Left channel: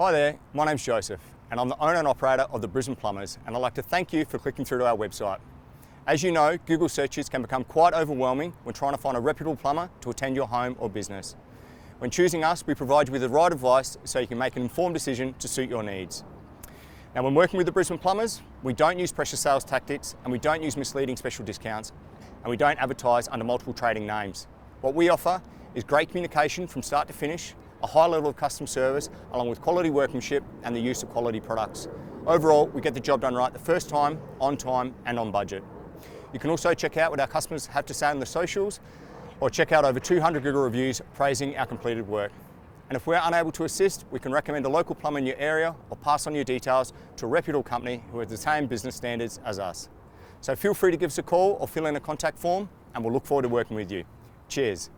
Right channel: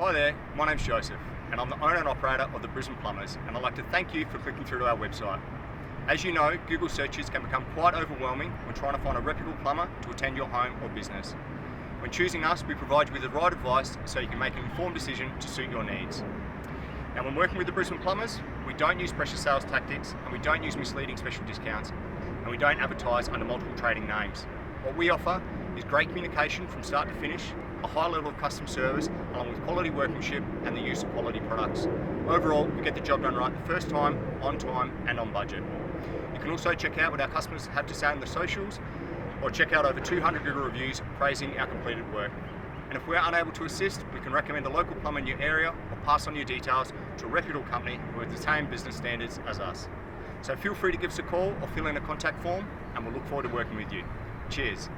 Hi there, my name's Joseph and I'm the owner and operator of the Brisbane Plumbers, and I'd like to thank you for clicking through to our website. As you know, Google searches can become quite overwhelming when trying to find a reputable plumber to attend your home or business. When choosing us, we provide you with the right advice so you can make an informed decision to suit your needs. Now, when working with the Brisbane Plumbers, we don't use pressure sales tactics and we don't use misleading special discounts, and we don't advertise under multiple trading names. What we offer is great communication from start to finish, a high level of customer service, along with quality workmanship and the use of quality products. Overall, we get the job done right the first time, on time and on budget. You can also check out what our customers have to say on the socials, or check out over 200 Google reviews praising our completed work. And if we're unable to assist, we can recommend a local plumber in your area or pass on your details to a reputable company who have the same business standards as us. So feel free to give us a call or fill in a contact form, and we'll look forward to working with you. Cheers.